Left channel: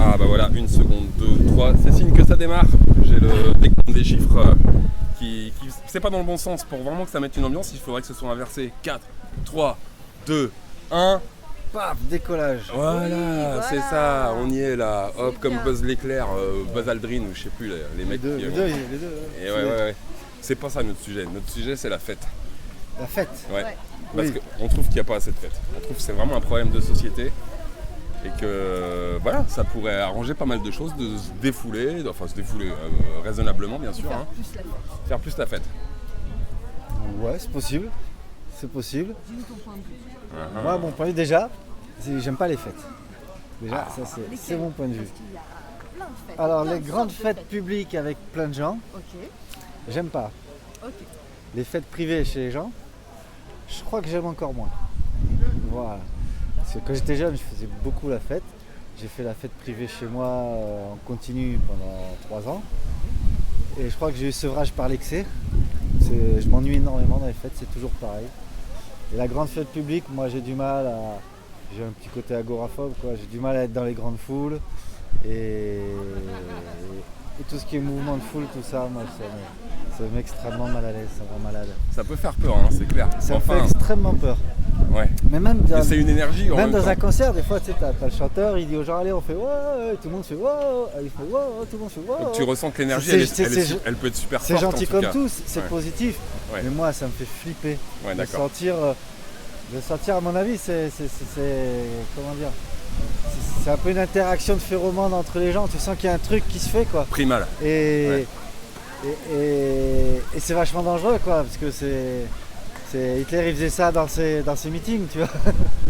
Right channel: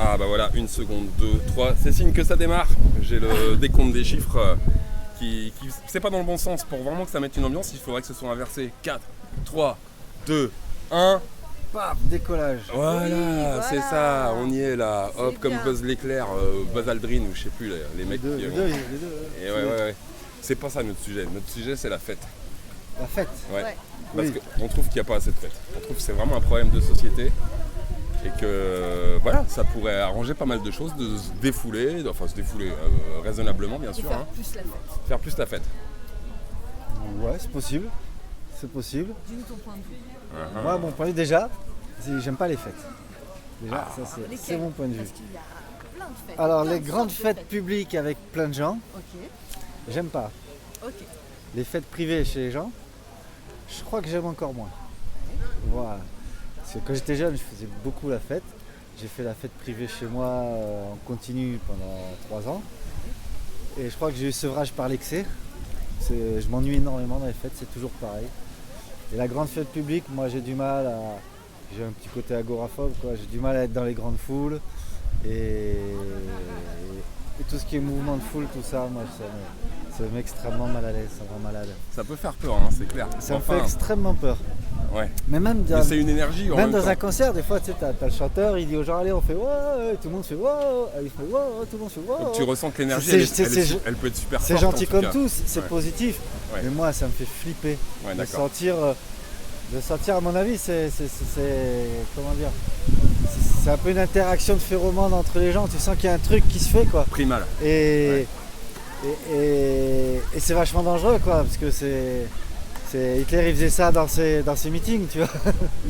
Ah bah voilà, 1 seconde, 2, 3, c'est signe que ça démarre. J'ai le décompte des chiffres qui c'est pas dans le bon sens. Pour vraiment que ça mette une ambiance, il faudrait que ce soit inversé. 4, 3, 2, 1. Paf, décollage. Voilà, c'est ça, on y est là. Hop, C'est comme bien. Buzz l'éclair, Buzz Aldrin ou je sais plus, les mecs Les qui... deux, les deux. Et ouais. C'est pas ça notre sujet. Notre sujet, c'est la fête. La fête. Ouais. Ouais. Parce Oui. qu'on trouve qu'il n'y a pas assez de fête. On trouve que c'est vraiment un problème de société. Et que voilà, ça pourrait arranger pas mal de choses, de se défouler, raisonnablement bien sûr, Faire hein, plus la fête. faire plus la fête. Ouais, c'est possible. C'est possible. Dis-nous ton point de vue. Uh-huh. Moi, mon point de vue, déjà, j'aime pas les fêtes. Déjà, ça, c'est Lesquelles mon point de vue. Parce qu'il y a plein de fêtes. Alors, plein les de grandes sortes de fêtes publiques avec plein de gens, Ok, j'aime pas. ok. Les fêtes privées chez les gens, je crois que j'aime encore moins. Voilà. Parce que quand j'étais jeune, je faisais beaucoup la fête. J'ai fait la fête privée chez moi en continu pendant 3 ans. Et je crois que j'ai eu sevrage par l'excès. Je m'ennuie énormément dans les fêtes, c'est toujours pareil. Et la grande fête publique, moi j'ai du mal à... J'ai un petit côté agoraphobe, quoi. J'ai du mal à être dans les grandes foules. Et tout ce qui est mouvement de foule, tout ça, moi ça me met extrêmement mal à l'aise, ça me rend malade. Ça peut faire peur, hein, c'est clair. Ça me fait extrêmement peur. Ouais. Mais même Mais c'est une énergie en même même dans temps. un concert, des fois, tu sais, t'as le chanteur, il dit aux gens, allez, on fait wow, et tout le monde fait wow, il fait wow, tout le monde fait wow. Donc tu ressens que l'énergie, elle peut être super C'est forte. gentil en tout comme cas. tout, c'est Ouais. positif. Ouais. Mais moi, ça me fait flipper. Ouais, de d'accord. sentir, à mon avis, c'est comment dire, c'est un peu une interaction de phéromones entre les gens. Tu sens qu'il y a un truc qui se fait, quoi. Primal. Et c'est vachement dangereux, quoi, parce que Hitler il faisait ça dans ses meetings, tu vois.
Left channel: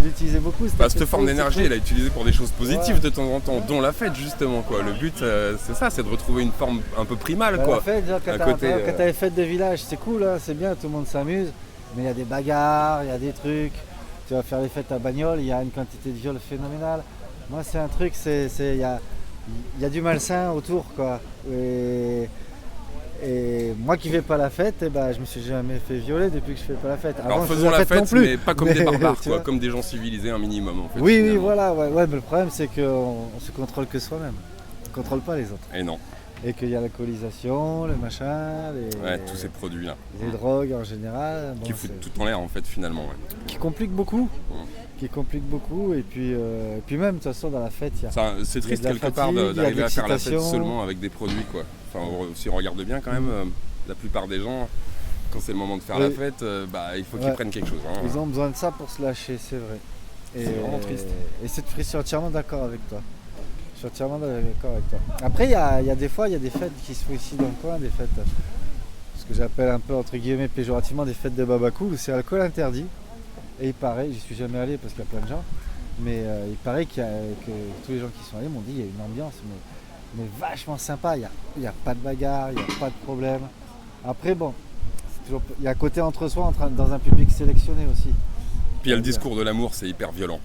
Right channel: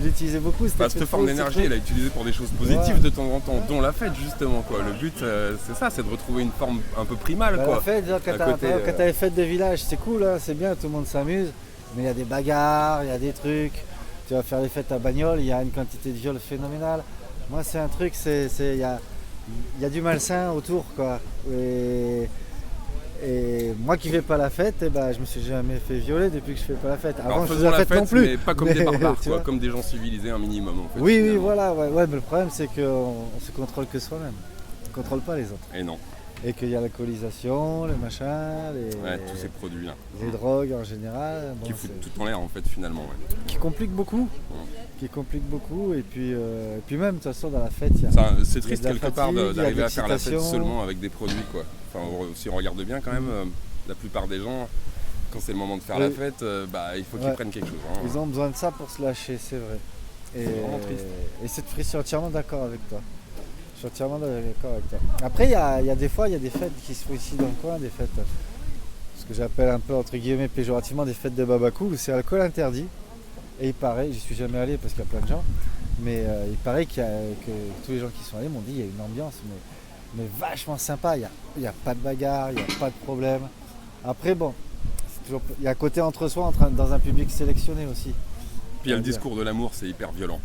Il utilisait beaucoup Cette forme d'énergie, elle est utilisée pour des choses positives Ouais. de temps en temps, dont la fête justement, quoi. Le but, c'est ça, c'est de retrouver une forme un peu primale, Bah, quoi. la fête, genre, À côté, quand t'as les fêtes de village, c'est cool, hein, c'est bien, tout le monde s'amuse, mais il y a des bagarres, il y a des trucs. Tu vas faire les fêtes à Bagnoles, il y a une quantité de viols phénoménale. Moi, c'est un truc, il y a du malsain autour, quoi. Et moi qui fais pas la fête, eh ben, je me suis jamais fait violer depuis que je fais pas la fête. Avant, Alors je faisais faisons la fête non plus. mais pas comme des barbares, tu quoi, vois. comme des gens civilisés un minimum, en fait. Oui, finalement. voilà, ouais, mais le problème c'est qu'on se contrôle que soi-même. On contrôle pas les autres. Et non, Et qu'il y a l'alcoolisation, le machin, ouais, tous ces produits-là. les drogues en général. Bon, Qui foutent tout en l'air, en fait, finalement, ouais. qui compliquent beaucoup. Et puis même, de toute façon, dans la fête, il y a... C'est triste de la quelque part fatigue, il y a d'arriver de à faire la fête l'excitation. seulement avec des produits, quoi. Enfin, si on regarde bien, quand même, la plupart des gens, quand c'est le moment de faire la Oui. fête, il faut qu'ils Ouais. prennent quelque chose. Hein. Ils ont besoin de ça pour se lâcher, c'est vrai. Et, C'est vraiment triste. Et je suis entièrement d'accord avec toi. Je suis entièrement d'accord avec toi. Après, il y a des fois, il y a des fêtes qui se font ici dans le coin, des fêtes, ce que j'appelle un peu, entre guillemets, péjorativement, des fêtes de babacou, où c'est alcool interdit. Et il paraît, je suis jamais allé parce qu'il y a plein de gens, mais il paraît que tous les gens qui sont allés m'ont dit qu'il y a une ambiance, mais vachement sympa. Il n'y a pas de bagarre, il n'y a pas de problème. Après, bon, il y a un côté entre soi, dans un public sélectionné aussi. Puis il y a le discours de l'amour, c'est hyper violent.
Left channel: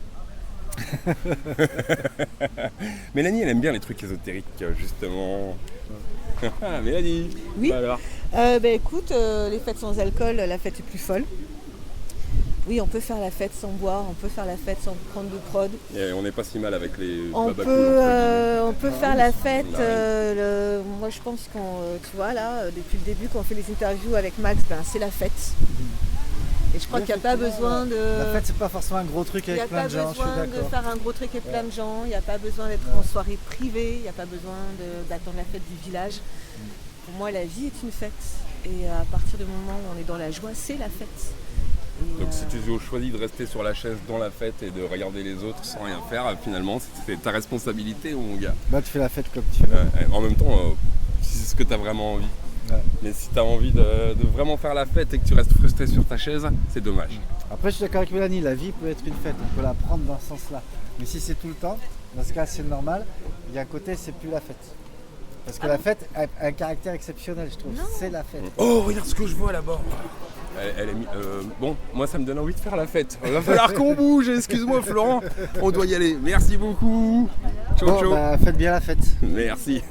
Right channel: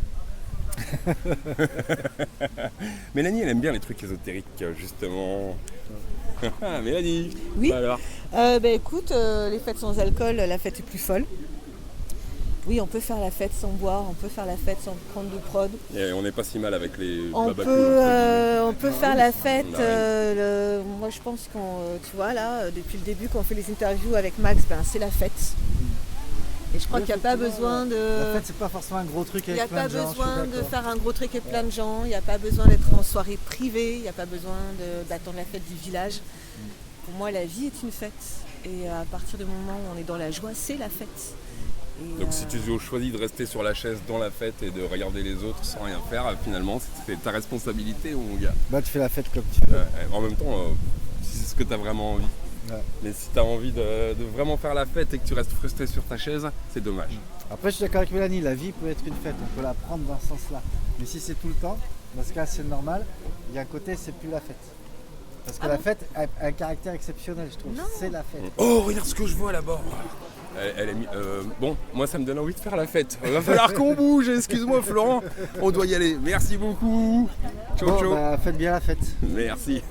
Mélanie, elle aime bien les trucs ésotériques, justement. Mélanie, Oui. bah alors. Écoute, les fêtes sans alcool, la fête est plus folle. Oui, on peut faire la fête sans boire, on peut faire la fête sans prendre de prod. Et on n'est pas si mal avec les On babacous, peut faire la fête. Nice. Moi, je pense tu vois là, depuis le début, quand on fait les interviews avec Max, c'est la fête. Et je crois qu'il n'y a pas besoin de. La fête, c'est pas forcément un gros truc Il n'y a avec plein pas de gens. besoin je suis de d'accord. faire un gros truc avec plein de gens, il n'y a pas besoin d'être en soirée privée, il n'y a pas besoin d'attendre la fête du village. Pour moi, la vie est une fête. Et à partir du moment où on est dans la joie, c'est la fête. Et, Donc si tu choisis de rester sur la chaise dans la fête et de regarder les autres sans rien faire, finalement, c'est ta responsabilité, mon gars. Bah, tu fais la fête comme tu veux. En même temps, si c'est ce que tu as vraiment envie. Ouais. Mais si tu as envie de vraiment faire la fête et que tu restes frustré sur ta chaise, c'est dommage. Après, je suis d'accord avec Mélanie, la vie peut être une fête, on peut la prendre dans ce sens-là. Mais si c'est tout le temps, dans ce cas, c'est normal. Il y a un côté, c'est plus la fête. Parce que la fête a un caractère exceptionnel, je trouve. C'est la fête. Oh, regarde ce que je vois là-bas. Elle est bon, moi ça me donne envie de faire la fête. Il va falloir qu'on bouge, excuse-moi Florent, on doit y aller. Merci beaucoup. Ciao, Bon, ciao. bah, faites bien la fête. Merci.